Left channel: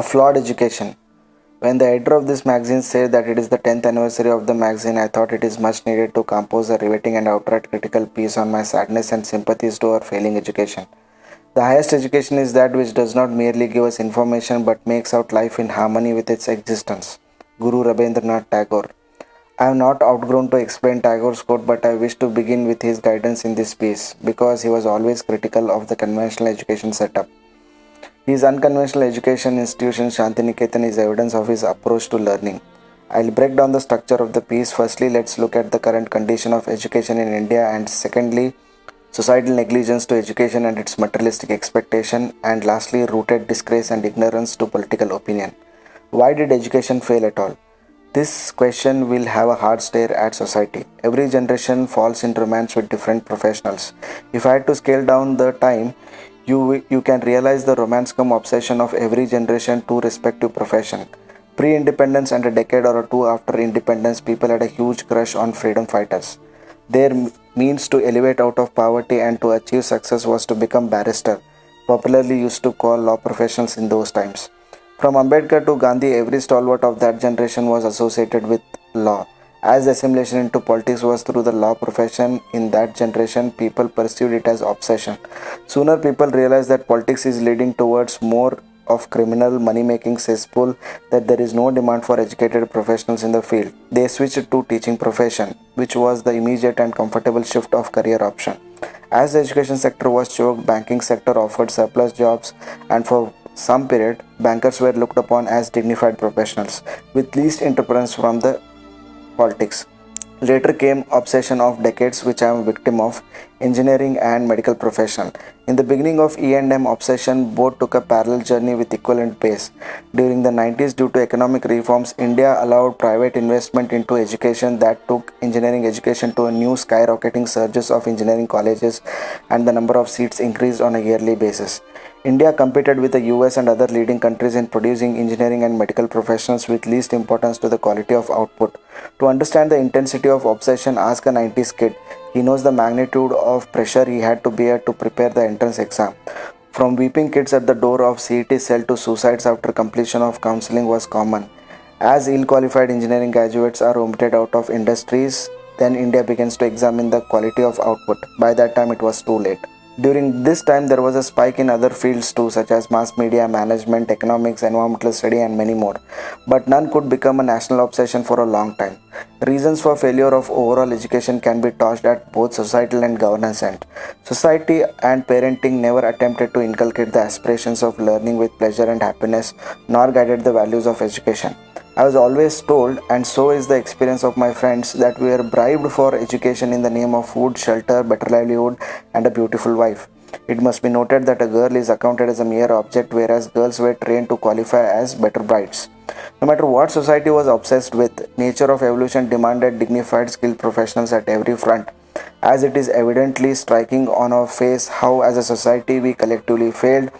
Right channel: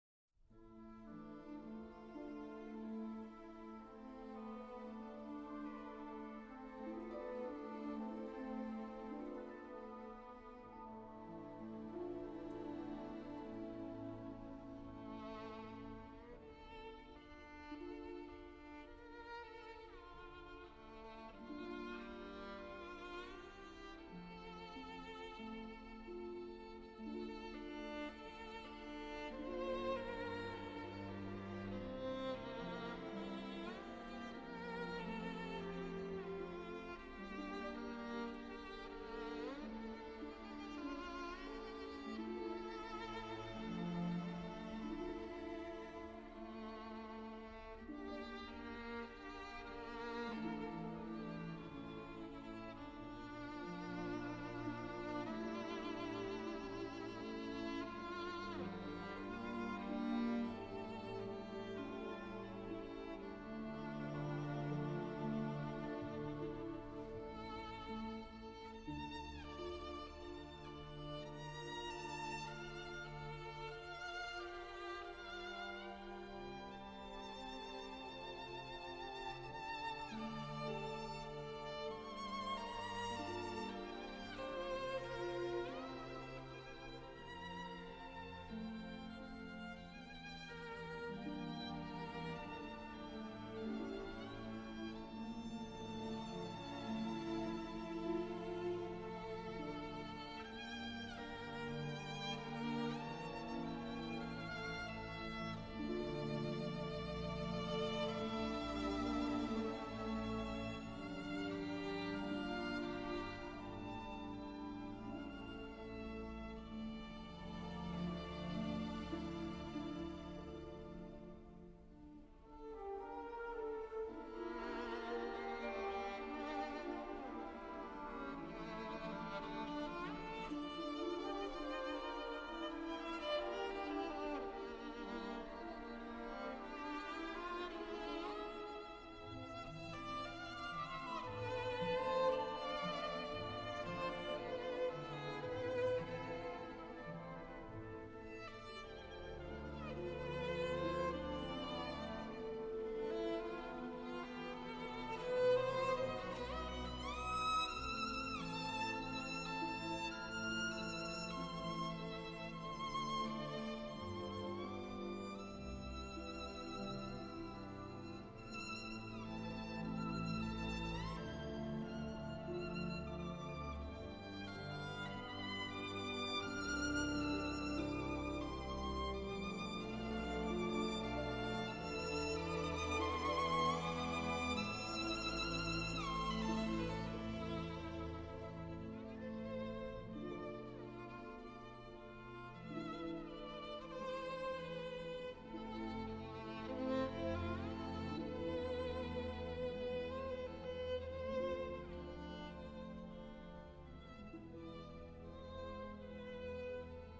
A flawed education. When the editor of this magazine said that it is the 10th anniversary of the magazine, I thought it is much needed to compose a riveting and outright critical piece on my sadness and sympathies to our failing education. The highest education is that which does not merely give us information but makes out life in harmony with its existence. Guru Rabindranath Tagore. I have not outgrown to explain Tagore's quote, but I wish to begin with his guidance in this piece because he was always critical of the conventional education setup. His unconventional education institution Shantiniketan is evidence of his approach to learning. I'll break down the structure of the piece. Firstly, let's look at the current condition of education in India, and secondly, societal negligence to education and its materialistic expectation, and lastly, rooted disgrace and ignorance to political opinion. Why did education fail at all? This question will have a hard stare at society. Every generation falls in romance with different professionals. If I had to scale down the time, you can realize the romance cum obsession of every generation to respective profession. Pre-independence and a decade or two after independence, people had a huge crush on freedom fighters. Their means to elevate out of poverty and to achieve success was to become barrister, popularly used to call law professionals in those times. From Ambedkar to Gandhi, every stalwart of that generation was associated with law. As assimilation into politics was through the law profession in that generation, people pursued it as obsession. Sooner people realized that politics is leading towards more of criminal money-making cesspool, that there is no demand for educated professionals in the field. They switched to teaching profession, which was the immediate and comfortable shift of career option. As the education sector was choked, banking sector offered surplus jobs, and for some period, bankers were looked upon as dignified professionals, with least interference from the politics. Later came obsession of decades which I am a victim of, engineering and medical profession. In the beginning of E&M obsession, both took a parallel journey with equivalent pace. During the 90s, due to economic reforms, India allowed private investment into education that took engineering education to a new skyrocketing surges of engineering colleges, and the number of seats increased on a yearly basis. India competed with the US and other leading countries in producing engineering and medical professionals with least importance to the quality of output. To understand the intensity of obsession, ask a 90s kid. He knows the magnitude of pressure he had to bear to prepare the entrance exam. From weeping kids at the door of CET cell to suicides after completion of counseling was common. As ill-qualified engineering graduates are omitted out of industries, then India begins to examine the quality of output. By that time, it was too late. During this time, there was a spike in other fields too, such as mass media, management, economics, environmental study, and many more. But none could become a national obsession for a long time. Reasons for failure of overall education can be touched at both societal and governance end. Society and parenting never attempted to inculcate the aspirations of learning with pleasure and happiness, nor guided the values of education. I was always told, and so is the experience of my friends, that we were bribed for education in the name of food, shelter, better livelihood, and a beautiful wife. It must be noted that a girl is accounted as a mere object, whereas girls were trained to qualify as better brides. No matter what society was obsessed with, nature of evolution demanded dignified, skilled professionals at every front. As it is evidently striking on our face how, as a society, we collectively failed,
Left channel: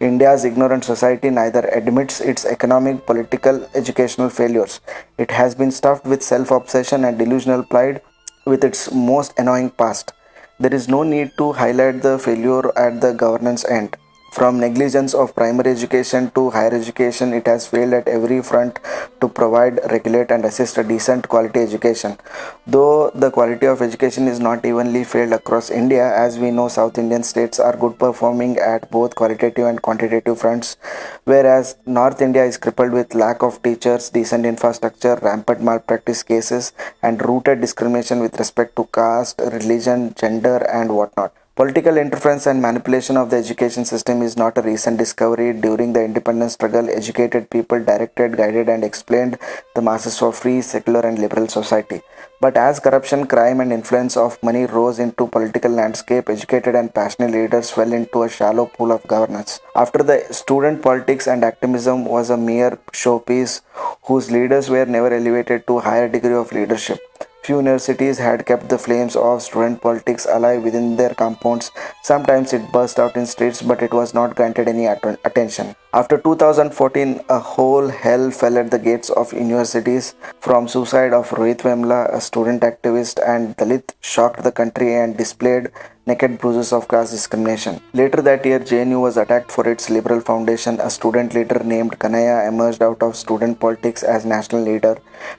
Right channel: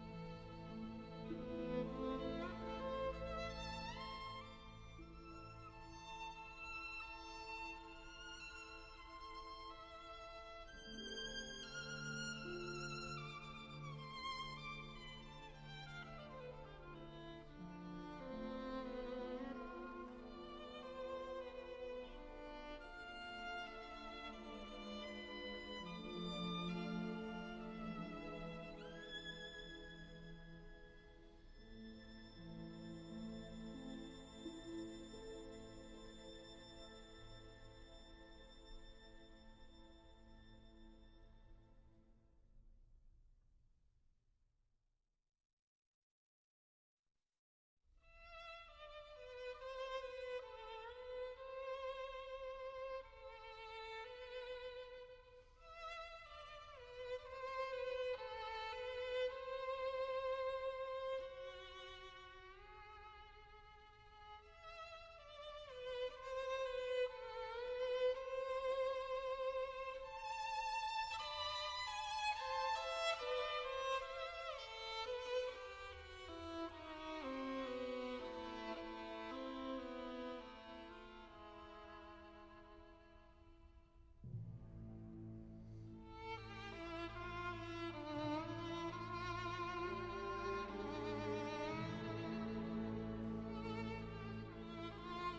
India's ignorant society neither admits its economic, political, educational failures. It has been stuffed with self-obsession and delusional pride with its most annoying past. There is no need to highlight the failure at the governance end. From negligence of primary education to higher education, it has failed at every front to provide, regulate, and assist a decent quality education. Though the quality of education is not evenly failed across India, as we know, South Indian states are good performing at both qualitative and quantitative fronts, whereas North India is crippled with lack of teachers, decent infrastructure, rampant malpractice cases, and rooted discrimination with respect to caste, religion, gender, and whatnot. Political interference and manipulation of the education system is not a recent discovery. During the independence struggle, educated people directed, guided, and explained the masses for free, secular, and liberal society. But as corruption, crime, and influence of money rose into political landscape, educated and passionate leaders fell into a shallow pool of governance. After the student politics and activism was a mere showpiece whose leaders were never elevated to a higher degree of leadership. Few universities had kept the flames of student politics alive within their compounds. Sometimes it burst out in streets, but it was not granted any attention. After 2014, a whole hell fell at the gates of universities. From suicide of Rohit Vemla, a student activist and Dalit, shocked the country and displayed naked bruises of caste discrimination. Later that year, JNU was attacked for its liberal foundation. A student leader named Kanaya emerged out of student politics as national leader.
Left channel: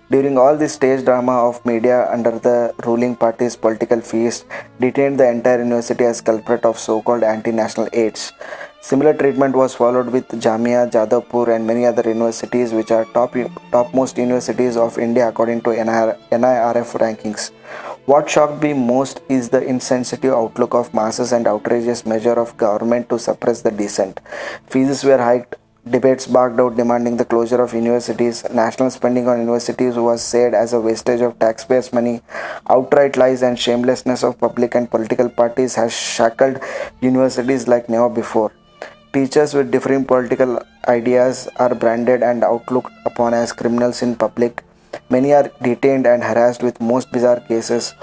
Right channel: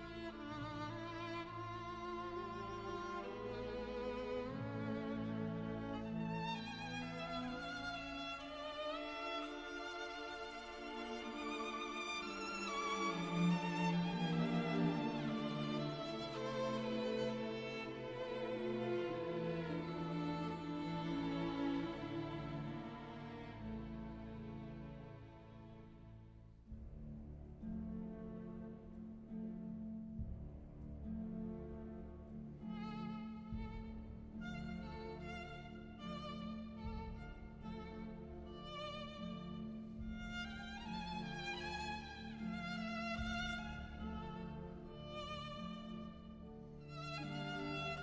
During all this stage drama of media under the ruling party's political feast, detained the entire university as culprit of so-called anti-national aids. Similar treatment was followed with Jamia, Jadavpur, and many other universities, which are topmost universities of India according to NIRF rankings. What shocked me most is the insensitive outlook of masses and outrageous measure of government to suppress the dissent. Fees were hiked, debates barked out demanding the closure of universities. National spending on universities was said as a wastage of taxpayers' money. Outright lies and shamelessness of public and political parties has shackled universities like never before. Teachers with differing political ideas are branded and outlooked upon as criminals in public. Many are detained and harassed with most bizarre cases.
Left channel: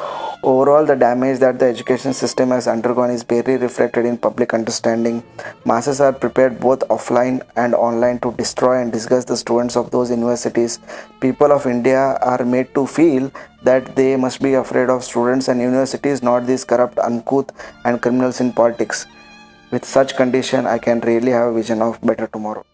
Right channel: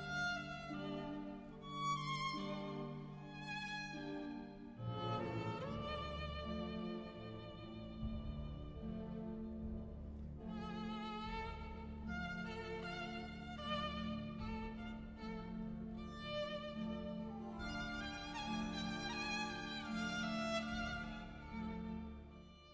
Overall, the damage that the education system has undergone is barely reflected in public understanding. Masses are prepared both offline and online to destroy and disgust the students of those universities. People of India are made to feel that they must be afraid of students and universities, not these corrupt, uncouth, and criminals in politics. With such condition, I can really have a vision of better tomorrow.